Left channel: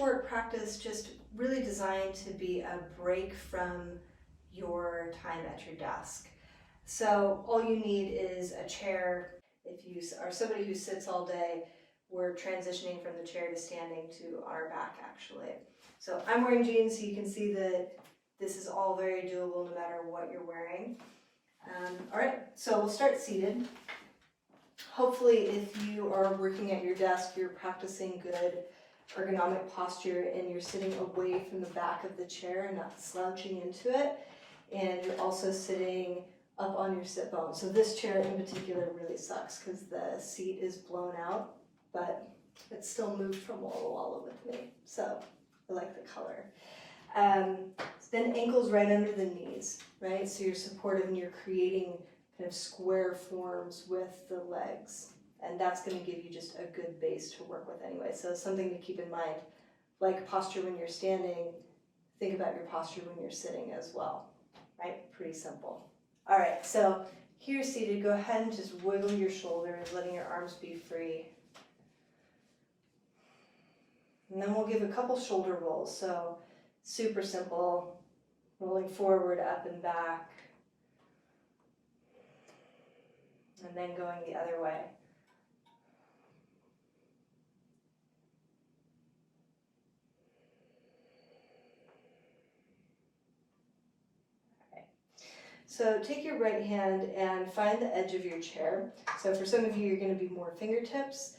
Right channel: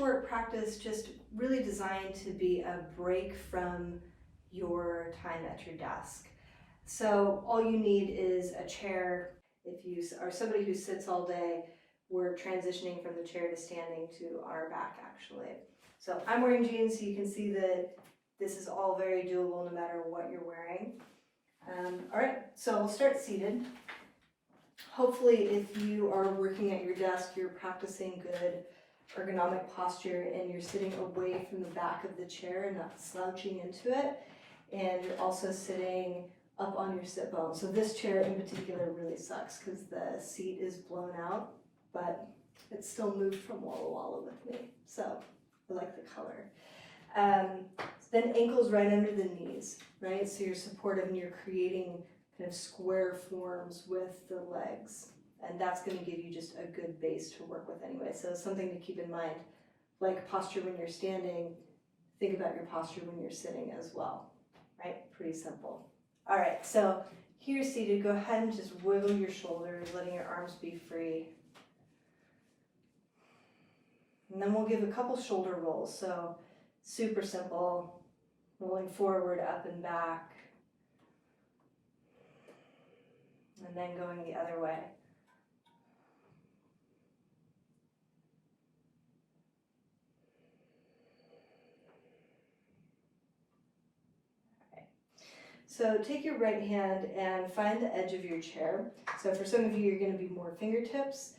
short practice just really designed to be a break from your time at your desk. So all you need is a chair. If you are somebody who sits all day, we're transitioning from the chair to standing to on our back actually. So I'm wearing jeans, so you can see that this is all very doable no matter what you're wearing. All right, so we'll start seated. Hopefully if you are working at your desk, you're practicing good ergonomic posture and you're sitting away from the back of the chair and not slouching into it. And you're also sitting up on your sit bone. So this chair in particular really sucks because the seat is blown out, but it's still moved from wall to wall with me. So I like the color. Then ankles right under the knees, right? So you're supportive and you're creating kind of square forms with the legs. And that's going to give you just a good base to work with anyway. So something to keep in mind, like posture when you're standing, think about your posture when you're sitting as well, right? Pretty simple. All right, so here seated, go ahead and just wiggle your shoulders, letting your arms be free. And then we'll give a couple shoulder rolls. So super simple, rolling forward, up and back, and then going the other way. So take your right hand and find the edge of your chair. So for some of you, you're going to be more fingertips.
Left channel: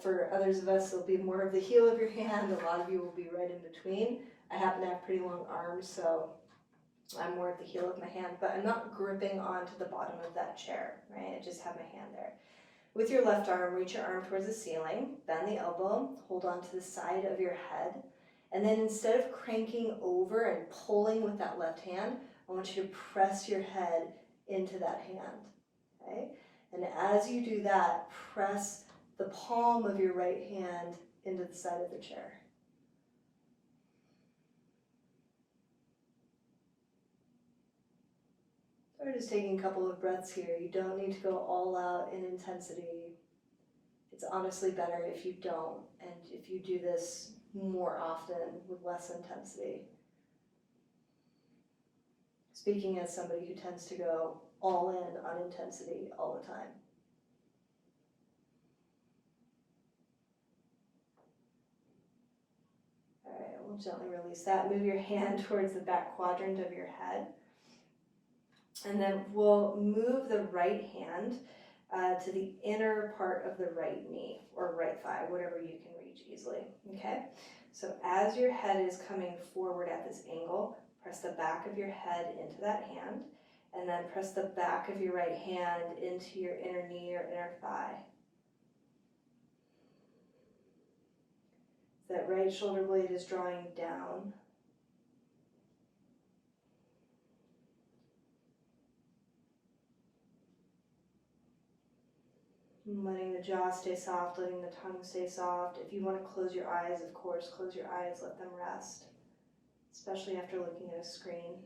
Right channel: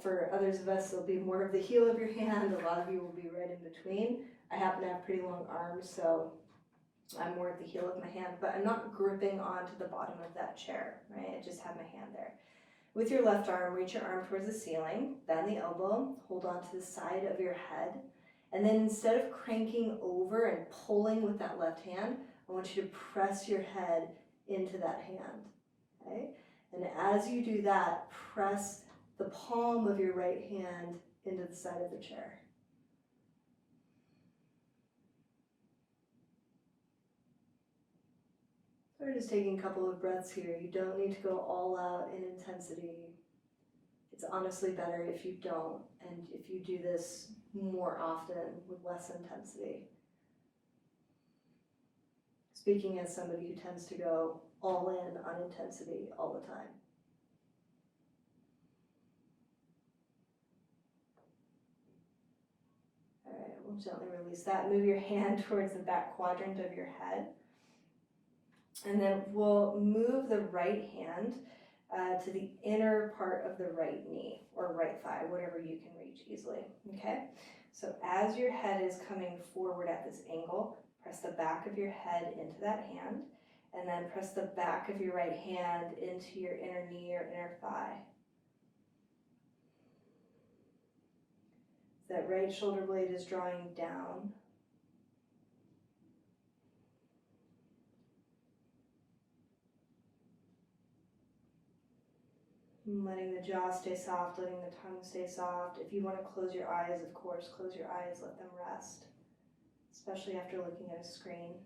For others of us, it'll be more of the heel of your hand. A lot of you will be right in between. I happen to have pretty long arms, so I'm more at the heel of my hand, but I'm not gripping onto the bottom of that chair, right? I just have my hand there. With your left arm, reach your arm towards the ceiling, bend the elbow, hold on to the side of your head, and then instead of cranking over and pulling with that left hand, I want you to press your head into that hand, okay? And as you do that, press the palm of your right hand into the side of the chair. So we're just taking a couple of breaths here. You don't need to go all out in intensity. It's honestly better if you don't, and if you do this more often with less intensity. Speaking as somebody who tends to go all in on intensity all the time. All right, we'll gently release that. Move your hand towards the back quadrant of your head. And then we'll move the right hand to the inner part of the right knee or right thigh, whatever you can reach easily, okay? So as your head is coming forward at this angle, press the back of your head into that hand, and then press the back of your right hand into your inner knee or inner thigh. That right shoulder blade is drawing down. Letting the jaw stay soft, letting the tongue stay soft. If you want to close your eyes, of course, close your eyes, let them rest, especially after looking at a screen.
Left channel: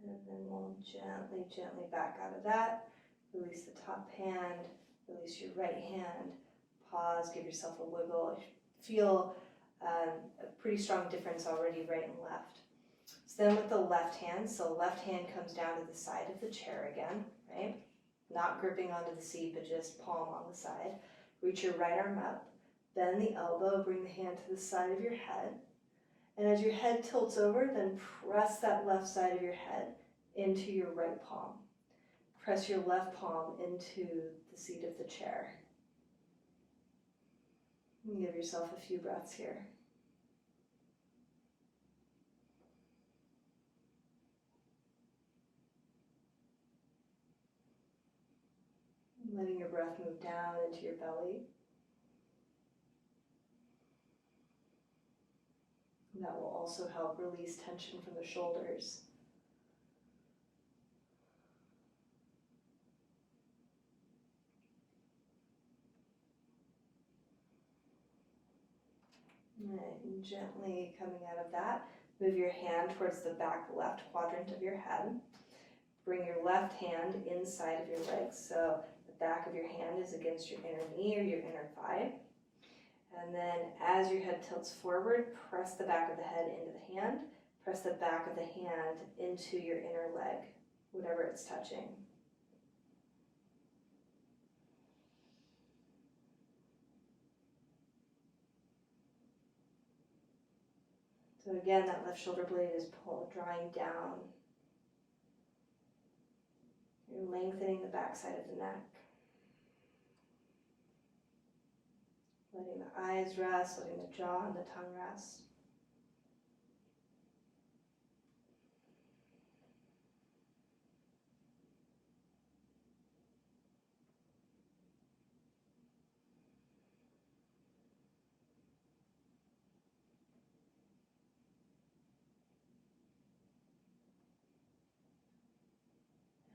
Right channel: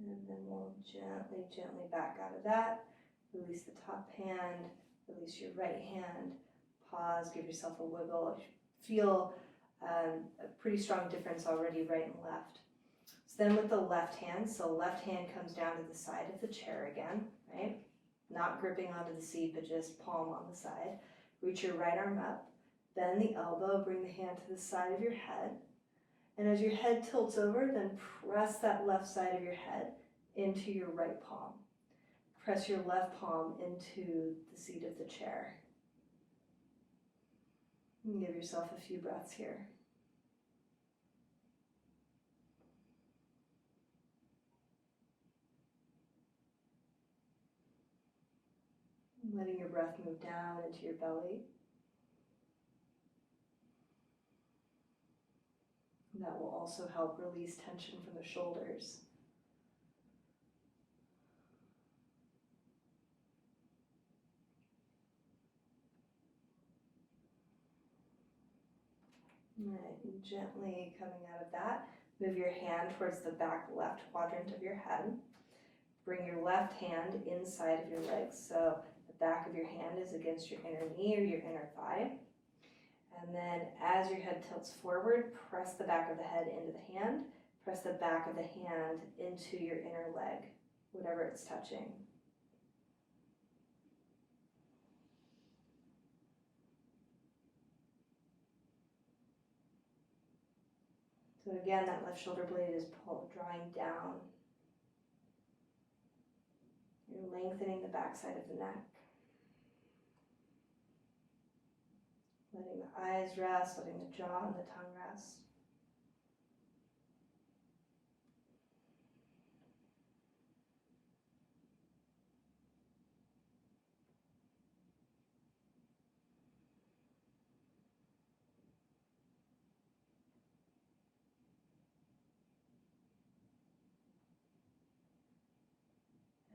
And then we'll gently, gently back out of that. Release the top hand, release your right hand, pause, give yourself a wiggle. Feel a pretty strong difference already, right and left. So then with the left hand, so left hand comes down to the side of the chair again, right? Not gripping onto the seat, but just palm on the side. Reach your right arm up, bend the elbow, bring the hand to the side of your head. And as your head tilts over, then press that left side of your head into your right palm. Press your left palm into the seat of the chair. And give yourself a few breaths here. Letting your breath move down into your belly. And that will also help release tension from the shoulders. All right, and gently coming out of that, move your hand towards the back left quadrant of your head. Bring your left hand inside of your legs, so the back of your hand is against your inner knee or your inner thigh. And then as your head tilts forward, press the back of the head into the hand, press the back of the hand into your inner leg, whatever it's touching. So again, that left shoulder blade is drawing down. You're lengthening the back side of the neck. Letting the eyes rest, letting the jaw and the tongue rest.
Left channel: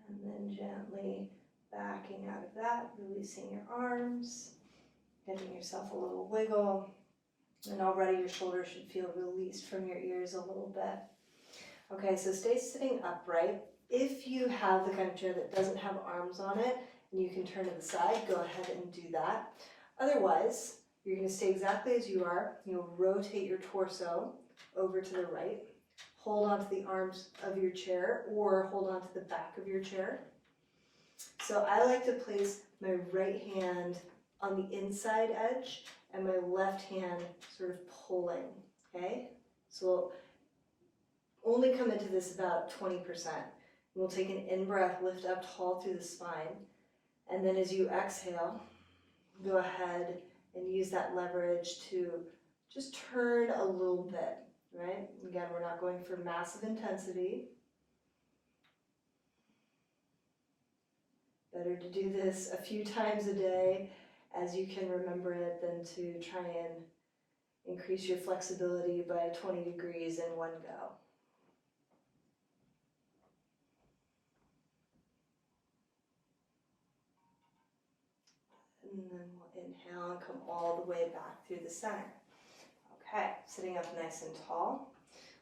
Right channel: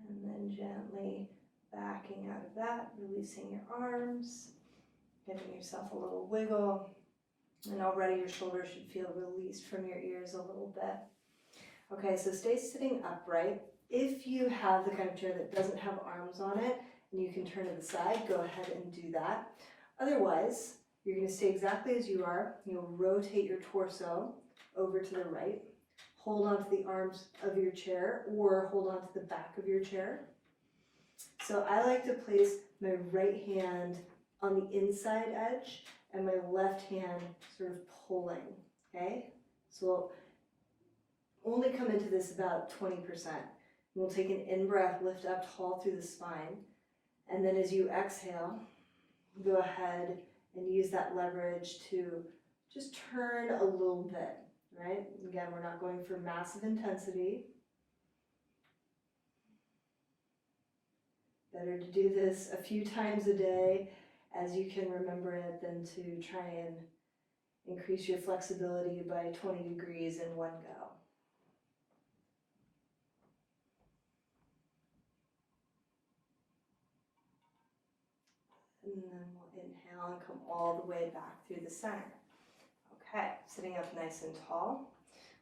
And then gently backing out of that, releasing your arms, giving yourself a little wiggle. And already your shoulders should feel released from your ears a little bit. Okay, so stay sitting upright. If you have the kind of chair that doesn't have arms on it and you can turn to the side, go ahead and do that. Otherwise, you're going to stay exactly as you are. You'll rotate your torso over to the right. Hold on to the arms of your chair or hold on to the back of your chair. So I like to place my right hand on the inside edge and my left hand sort of pulling, okay? So we'll only come into this about 20%. We'll take an in-breath, lift up tall through the spine, and then as you exhale, go ahead and use that leverage to just turn a little bit, right? Again, we're not going for massive intensity. Better to do this a few times a day as you can remember it than to try and increase your flexibility by 20 degrees in one go. And then we'll inhale and come all the way back through the center. Okay, sitting up nice and tall.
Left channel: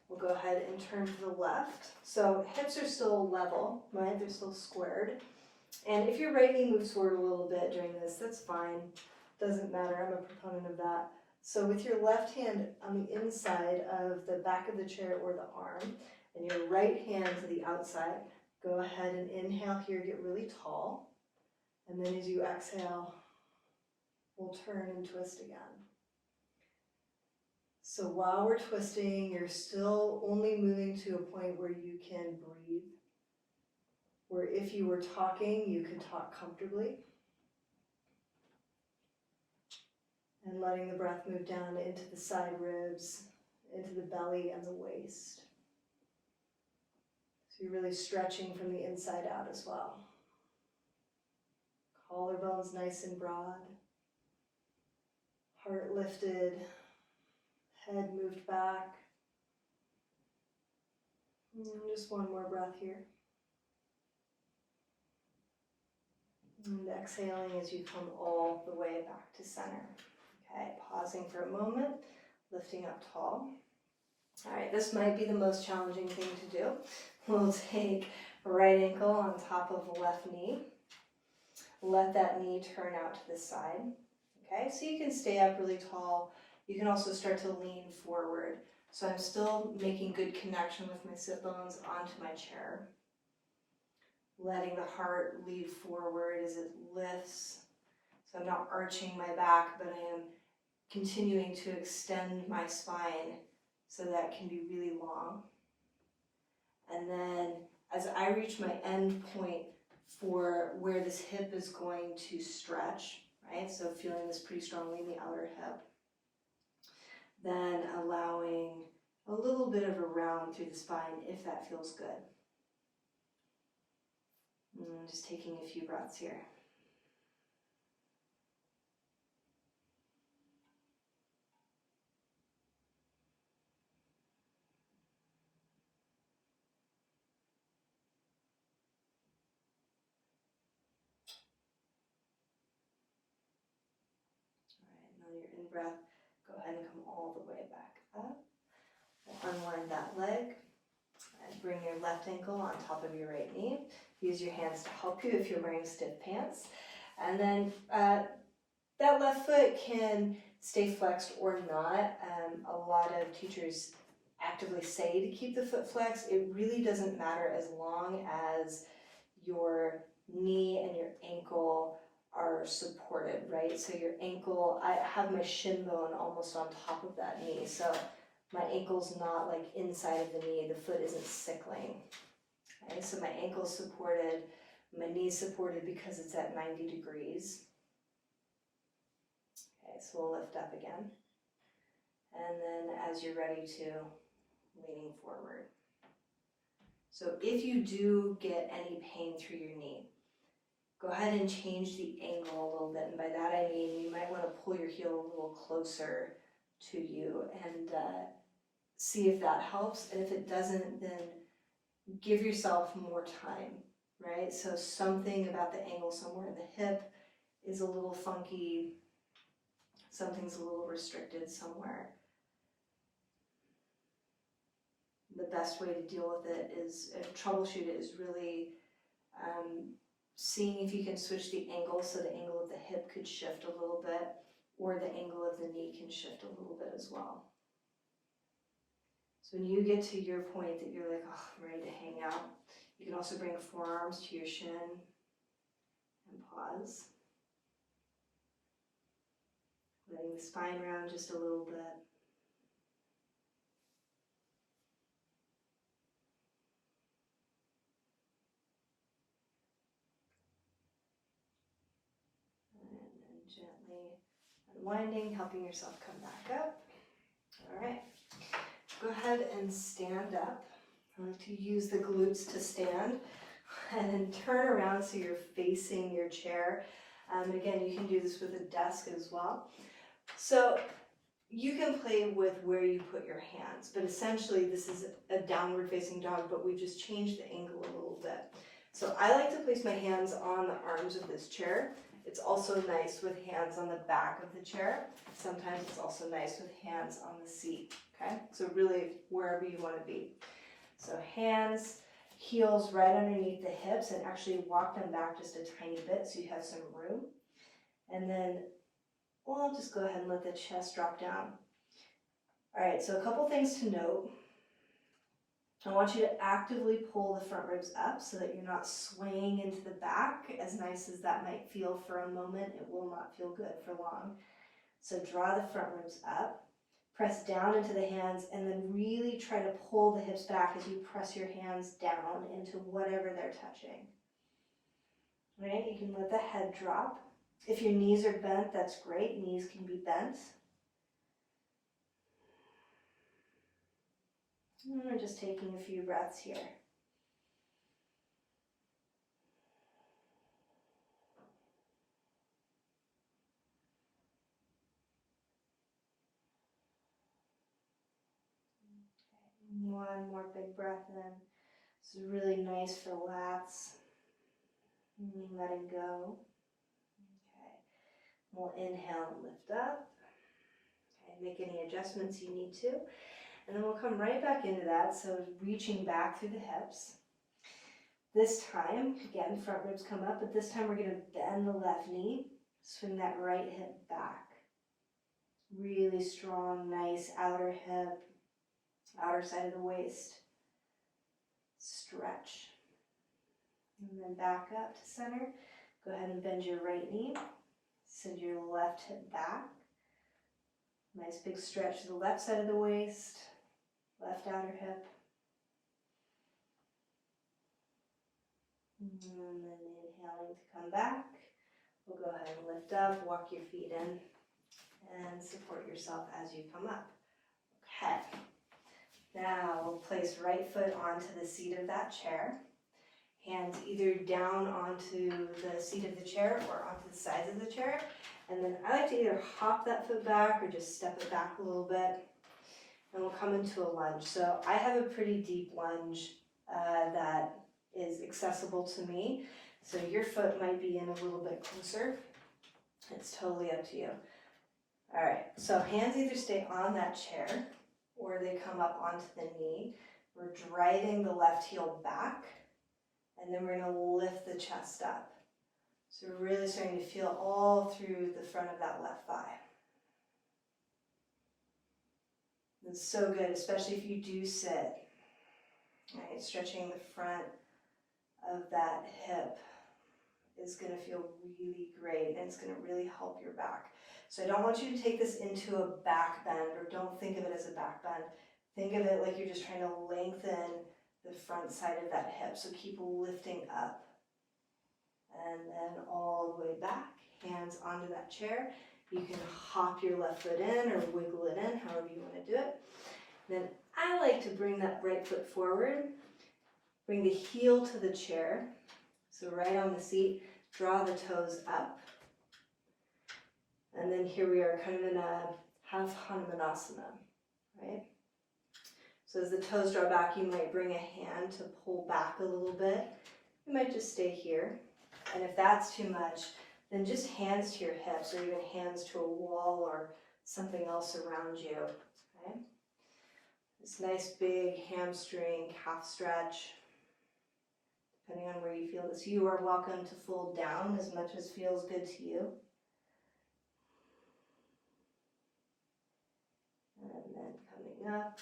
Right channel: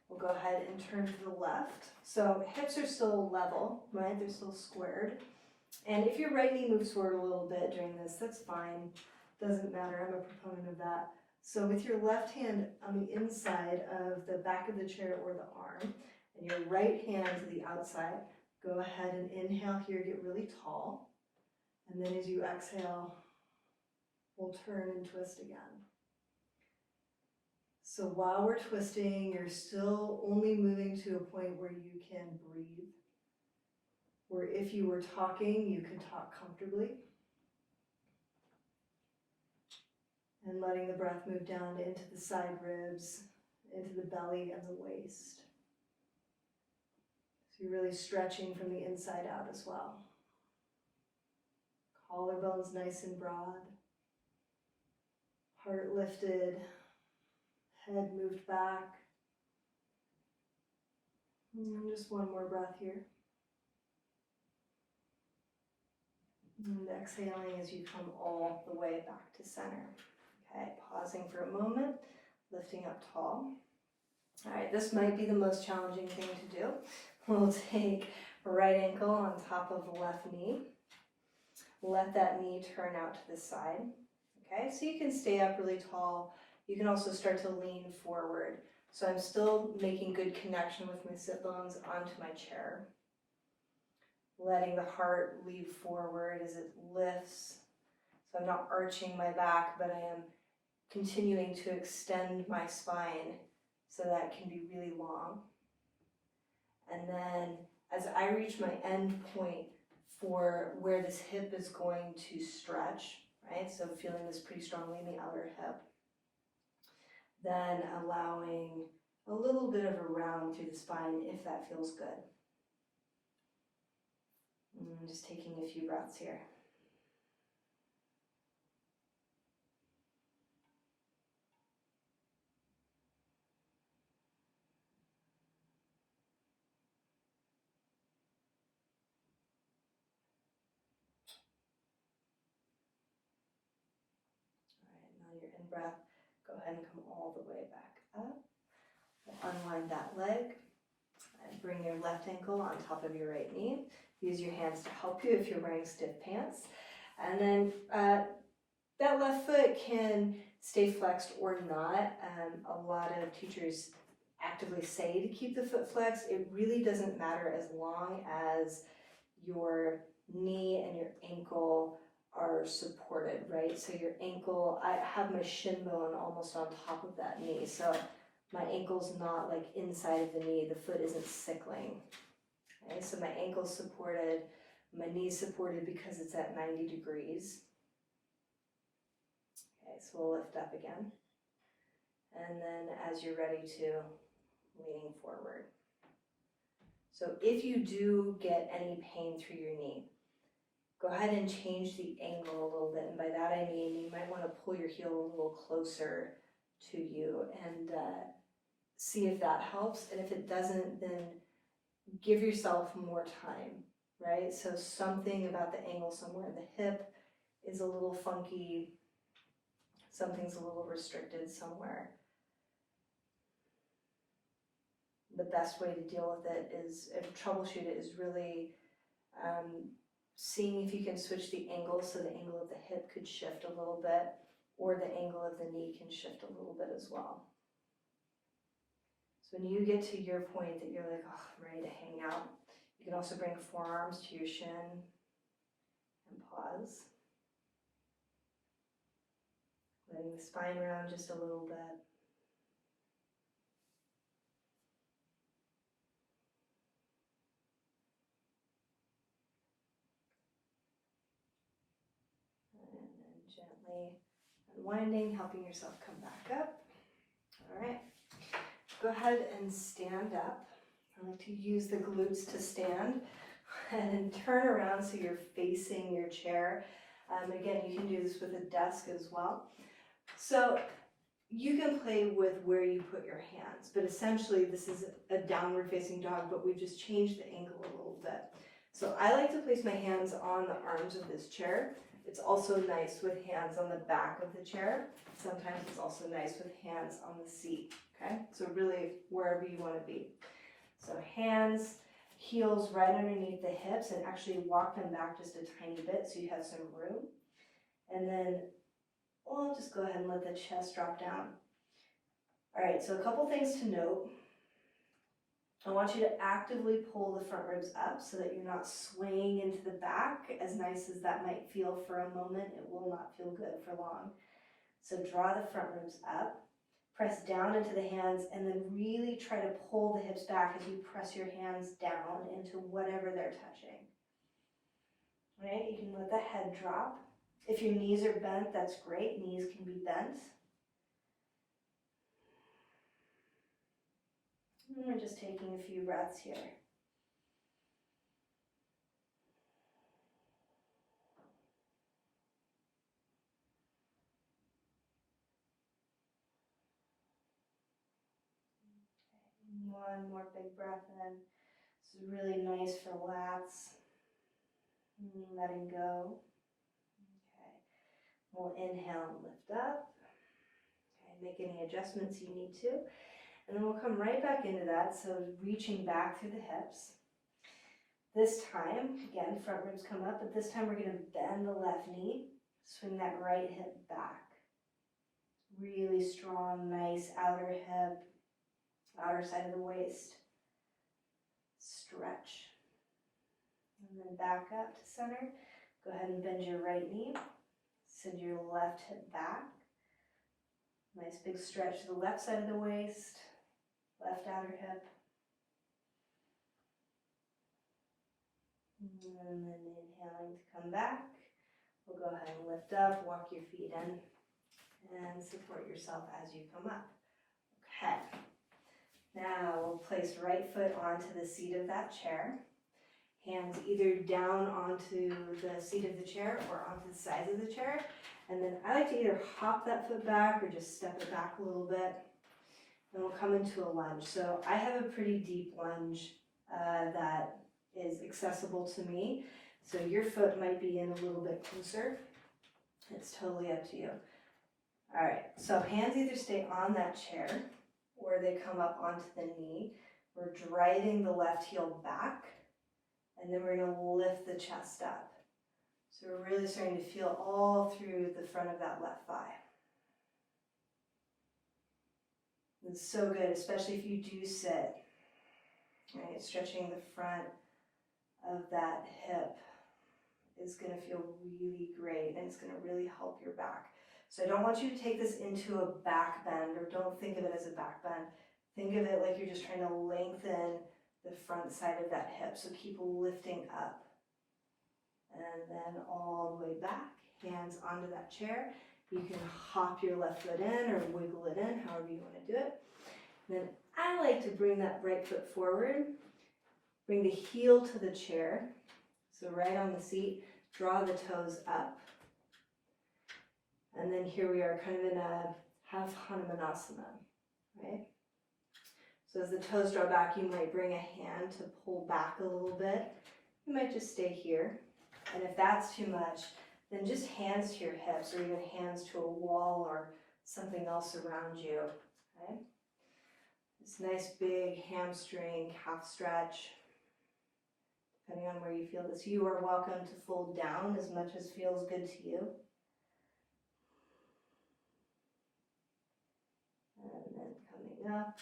We'll go ahead and turn to the left. So hips are still level, right? They're still squared. And if your right knee moves forward a little bit during this, that's fine. Doesn't matter, I'm a proponent of that. So with your left hand on the inside of the back of the chair or the arm, and your right hand to the outside, go ahead and inhale here, get really tall. And then as you exhale, we'll turn and twist again. So while we're twisting, you're still only moving to a point where you can breathe. Where if you were talking, you could talk comfortably. And letting the breath move down into the side ribs, into the belly and the waist. So you're really stretching from the inside out as well. Collarbones nice and broad. Heart lifted. Head moved back. And just one more breath here. And exhaling as you come all the way back to center. Okay, pausing for a moment, lifting up tall. All right, this might be the most challenging thing to do. We'll take right ankle on top of the left knee. Let that knee turn out to the side. Okay, so you can stay up really tall. You can also start to lean forward. So I'm still making good connection with my sit bones onto my chair. Letting the heart lead forward as it lifts. So I'm not arching my back, but I am continuing to extend my spine so that it can be really long. And then as I reach my end point for where this hip is going to stretch, right? So feeling this pretty strongly in the outer hip. Then allowing a little bit of a round through the spine if that feels good. And just taking a few breaths here. All right, now your in-breath, go ahead and come all the way back up. We'll unwind that leg and bring your left ankle on top of your right knee. use your hands to help you if you're wearing stiff pants. And then that left foot can stay flexed or not. A lot of teachers actively say to keep the foot flexed. It really doesn't matter as long as your knee and your ankle are supported, right? So your ankle, I have my shin bone almost on top of that knee, so my ankle's not like inside of the knee, the foot isn't sickling. Okay, so my ankle's supported, my knee's supported because it's at 90 degrees. Okay, so we'll lift up again. And then as you're ready to, leaning forward. So if you do get any pain through your knee, go ahead and change the angle a little bit. And by that I mean you might want to pull your heel a little closer to you and see if that helps. And if it doesn't, then give yourself more time, right? So something about the angle somewhere in the hip is a little funky, something's a little restricted somewhere. The best way to deal with it is, and troubleshoot it, is really seeing if you can switch the angle so the angle of the hip could shift a little bit, or the angle of the knee can shift a little bit as well. So when you get to your point that you're like, oh, I'm ready to hang out, you can also bring forearms to your shin and pause. Letting the spine round just a little bit. Gently unwinding, helping yourself come back up. All right, go ahead and stand up. I like to use the glutes to stand and then turn around so you're facing your chair. Again, you can do this with a desk as well. So you can play with where you put your hands, but essentially this is a downward facing dog, but we've just changed the angle a little bit. So I like to place my hands on the arms of this chair. It's also nice with hands on the back of the chair. Sometimes it's also nice with hands on the seat, okay? So really wherever you want to be. So hands, heels right underneath the hips, and actually walk them back just a tiny bit so you have some room. And then, well, I'll just go ahead and let the chest drop down. All right, so a couple things to note. I want you to actively pull the front ribs up so that you're not swaying into the back. As nice as that might feel for a moment, it will not feel good for long. So draw the front ribs up, press down into the hands, and then really try to pull the hips back as you press your hands down into whatever they're touching. All right, you can let the head drop. If your knees are bent, that's great. Knees can be bent. And we're just taking a few breaths here. One more big breath in. This is really nice for lats. Letting go. Okay. We'll inhale and lift up. Okay, make any adjustments you need to. And then we'll come right back into that. So reaching back through the hips. This time, again, front ribs come up, but this time we're going to bend the left knee, swing that right hip back. Really strong, nice outer hip, outer side of the waist. Stretch. And then back up to center. Go ahead and bend your right knee. Send your left hip back. Nice big stretch to the left side of the waist, left outer hip. And then inhaling to come back. We'll go ahead and lift up, walk your feet in, and support yourself as you come up. Okay. Now we'll place right foot onto the seat of that chair. Hands either down onto the seat of the chair or onto the sides of the chair. And then I like to either hop that foot back or just step it back a little bit. And we'll come into a lunge. So I have a pretty deep lunge that is accessible to me. So your foot might be in a little bit closer. It's totally up to you. All right, so hands either stay on that chair or they come up onto the knee. We're driving the left heel back. And then we're gonna lift the chest up. So we're really starting to feel all through the front of that left thigh. It's so good, especially if you do sit. Right? Stretching the front of that hip is going to feel really great, and it's going to really help your back. So I don't want you to take this into a back bend, or don't think of it as a back bend. Think of it like you're just trying to lengthen the front side of that hip. So keep lifting up. And then all the way back, hands onto that chair. You can hop your left foot in or wiggle it in, however you want to do it. Then I like to bring that right foot forward. Bring the heel to the chair. So right on the seat, draw the toes up. And then here we are kind of in a half Hanumanasana, right? So as the toes draw back, you might bring a hand to pull back a little bit. You might just stay here. And if that's too much, then just hands to your hips, or even hands to a wall or something else around you, okay? This nice big hamstring calf stretch. Depending on where you feel this, you are welcome to fold down as much as feels good to you. And then coming up,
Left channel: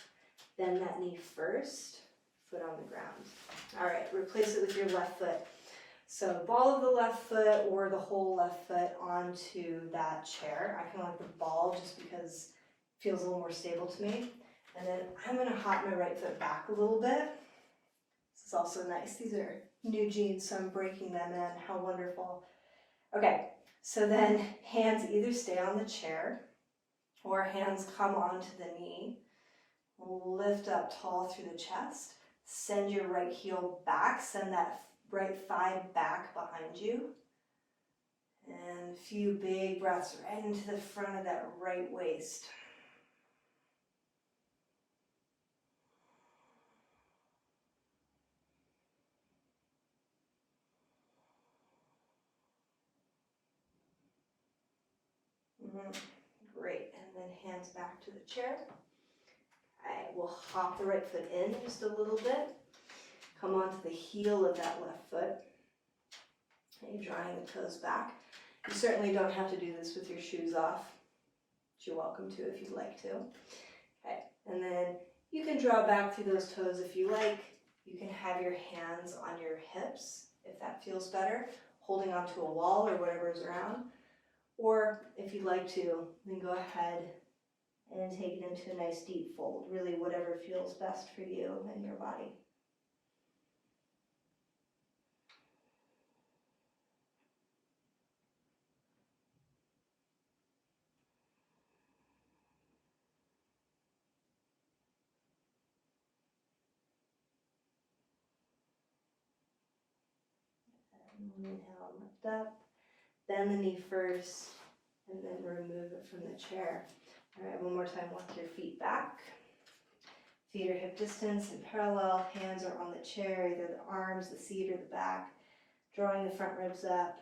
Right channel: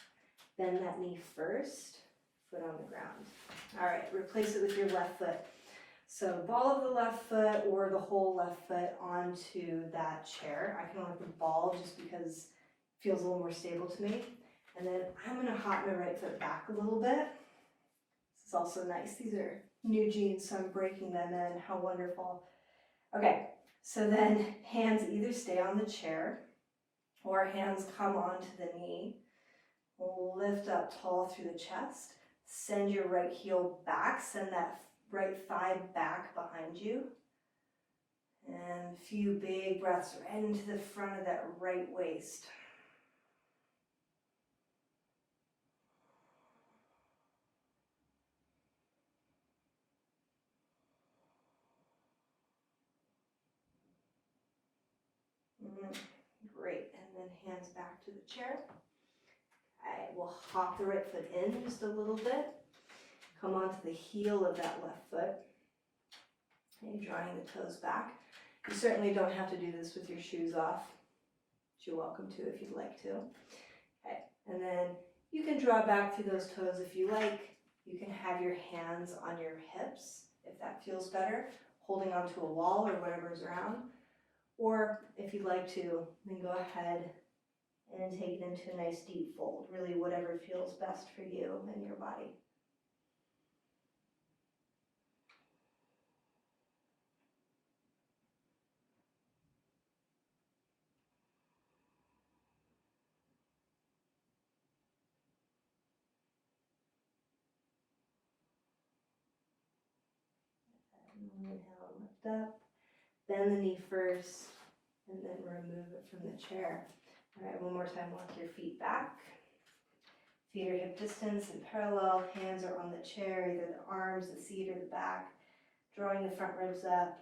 bend that knee first, foot on the ground. All right, replace it with your left foot. So ball of the left foot or the whole left foot onto that chair. I kind of like the ball just because it feels a little more stable to me. And then I'm going to hop my right foot back a little bit. This is also nice. These are new jeans, so I'm breaking them in. How wonderful. Okay, so then hands either stay on the chair or hands come onto the knee. Lift up tall through the chest. Send your right heel back. Send that right thigh back behind you. And a few big breaths right into the front of that right waist. Great, and then hands back to the chair. All right, we'll hop the right foot in just a little bit. Come onto the heel of that left foot. Okay, drawing the toes back. You certainly don't have to do this with your shoes off, but you're welcome to if you'd like to. Okay, and then you can draw back through those toes if you like. You can have your hands on your hips if that feels better, holding onto a wall or whatever's around. Or if you'd like to, then go ahead and take it into a nice deep fold, really whatever feels best for you and your body. Inhale, lift up, bend the knee first, and then remove it from the chair. All right, one more time, walk your feet back. Feet are hip distance and parallel, hands are on the chair, either the arms, the seat, or the back. Drawing the front ribs up,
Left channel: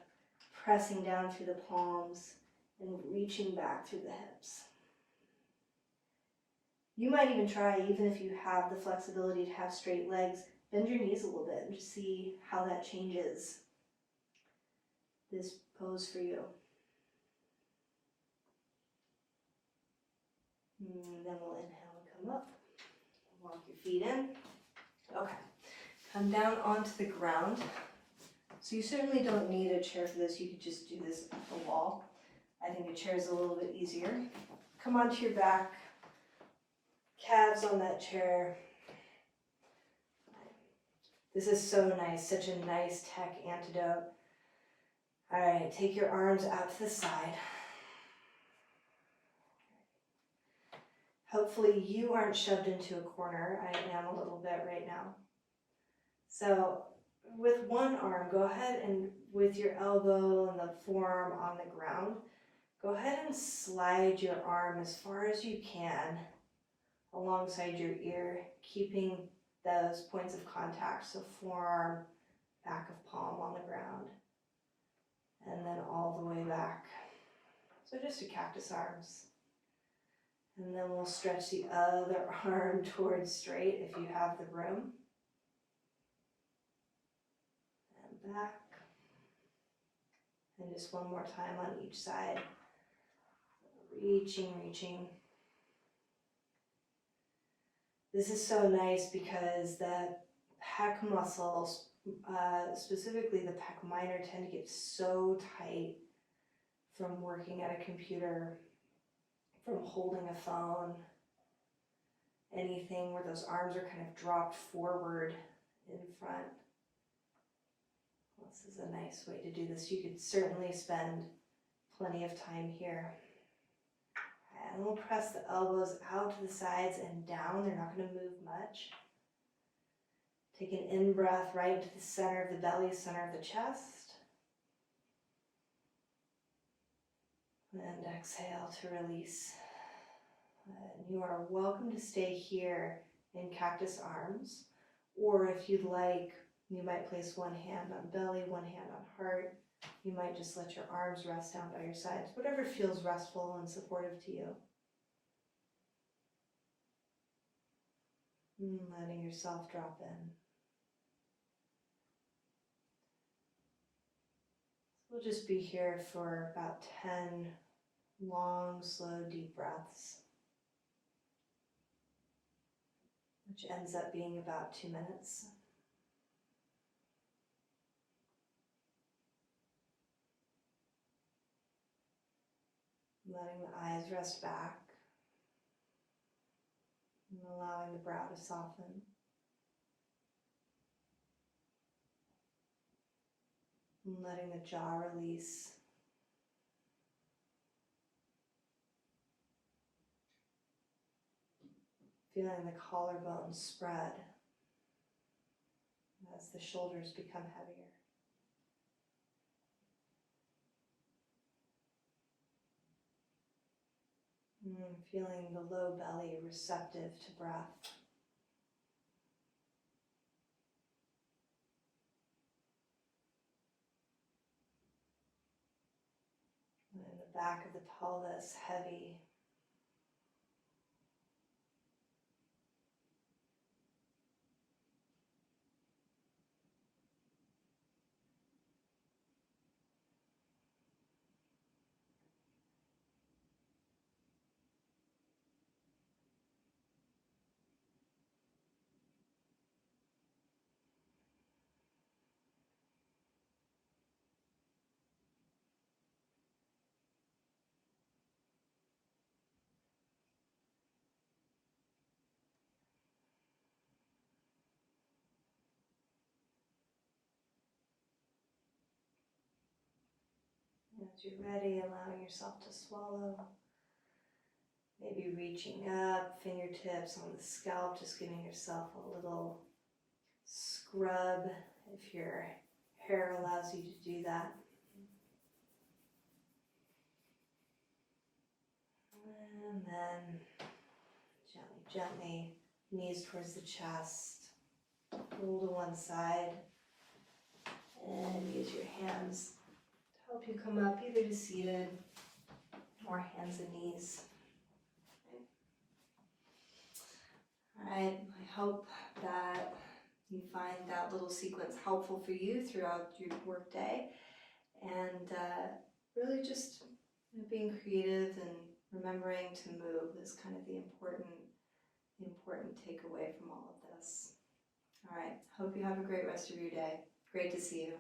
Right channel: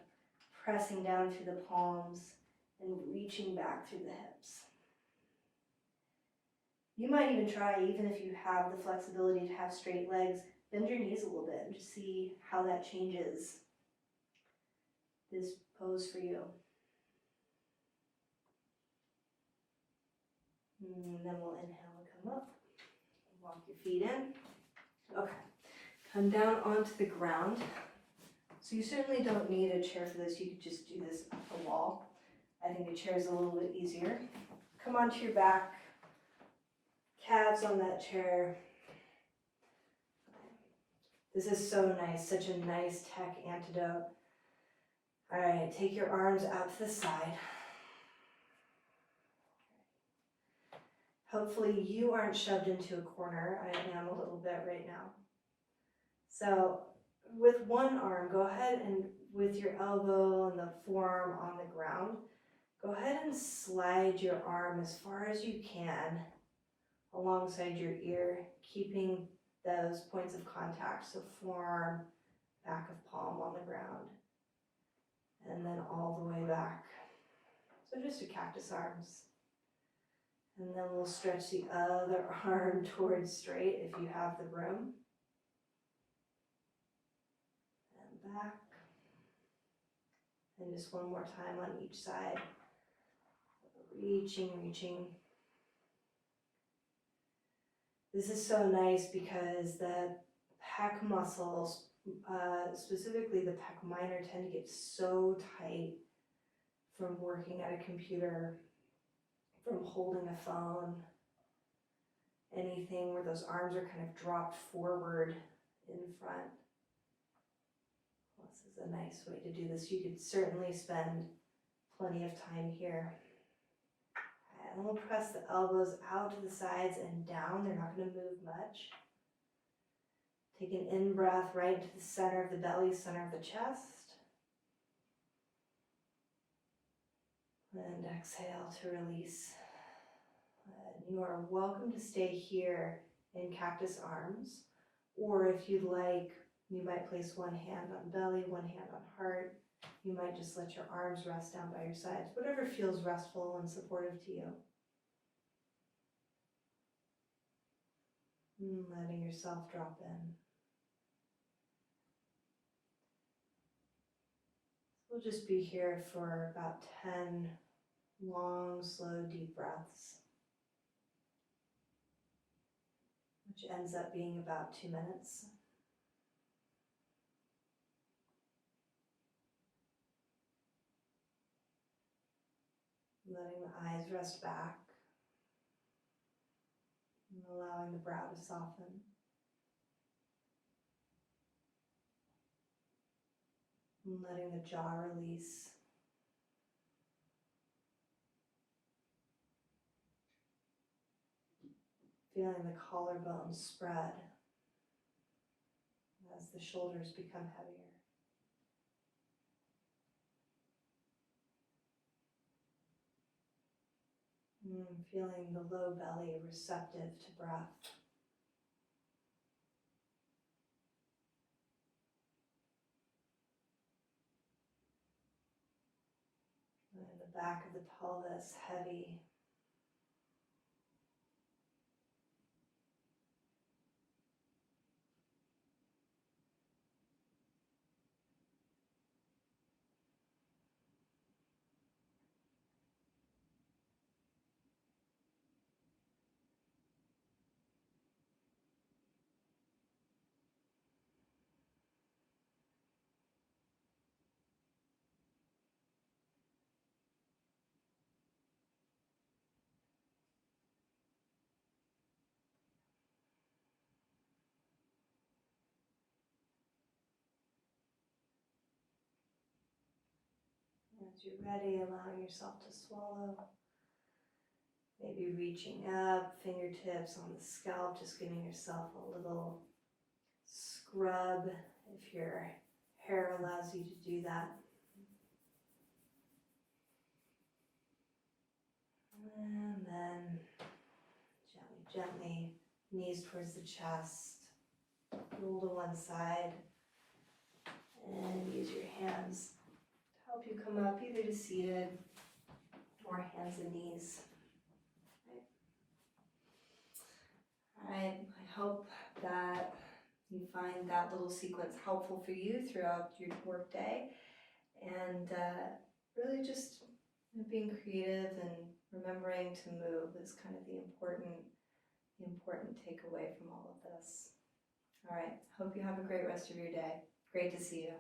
pressing down through the palms, and reaching back through the hips. You might even try, even if you have the flexibility to have straight legs, bend your knees a little bit and just see how that changes this pose for you. And then we'll inhale and come up. Walk your feet in. Okay. Come down onto the ground. So you certainly don't need a chair for this. You could just do this at the wall. I think a chair is a little bit easier. Come onto your back. Calves on that chair. This is so nice. Such a nice tech antidote. All right, take your arms out to the side. Hopefully you aren't shoved into a corner. I am a little bit right now. So with one arm, go ahead and with your elbow and the forearm on the ground, go ahead and slide your arm as far as you can alongside your ear, keeping those points of contact. So forearm, back of palm on the ground. And then all the way back. So just your cactus arms. And then we'll stretch the other arm towards straight if you have the room. back. And just one more time on each side. Reaching, reaching. This is so nice because the pec muscles, specifically the pec minor, tend to get so tight from working at a computer, from holding a phone, anything where those arms are kind of dropped forward in front. This is a nice way to do this. You could certainly spend plenty of time here. And we'll press the elbows out to the sides and down. They're not going to move much. Take an in-breath right into the center of the belly, center of the chest. And exhale to release. And you are welcome to stay here in cactus arms. Or if you'd like, you might place one hand on belly, one hand on heart. You might just let your arms rest down by your sides, whatever feels restful and supportive to you. Letting yourself drop in. So we'll just be here for about 10 long, slow, deep breaths, which ends up being about 2 minutes. Letting the eyes rest back and allowing the brow to soften. And letting the jaw release. Feeling the collarbones spread as the shoulders become heavier. Feeling the low belly receptive to breath. And the back of the pelvis heavy. As you're ready, allowing yourself to swallow. Maybe reaching up, fingertips on the scalp, just giving yourself a little scrub if your hair allows you to do that. And then gently, knees towards the chest, roll to one side, and use your hands to help you come up either to seated or hands and knees. All right, I hope that you find that little sequence helpful for you throughout your workday, and really just being creative and remembering to move is kind of the important takeaway from all of this. All right, hope you have a great rest of your day. Great to see you.